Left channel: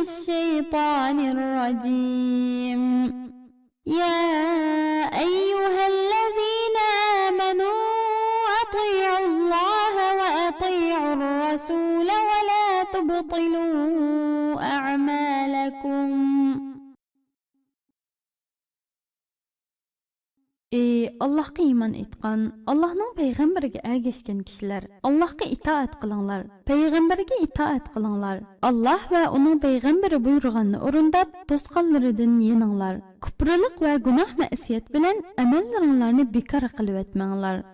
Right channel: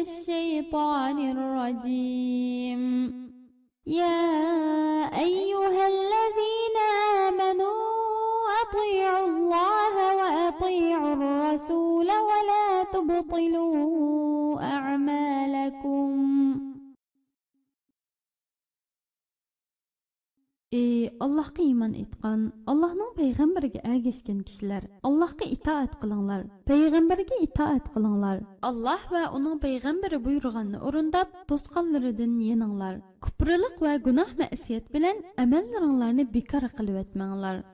الشيطان الرجيم. يا أيها الذين آمنوا أطيعوا الله وأطيعوا الرسول ولا تبطلوا أعمالكم. Allah'a iman etqan, Allah'ның peyğəmbərə ergeşken kişiler, Allah'a itaat qılınlar, peyğəmbərə itaat qılınlar. Allah və onun peyğəmbəri buyurğanını orundab, tosqanlarıdan yeninglar. Küprülük və günah məsiyet bilen əməllərinlərini bekar qılıb etmənglar.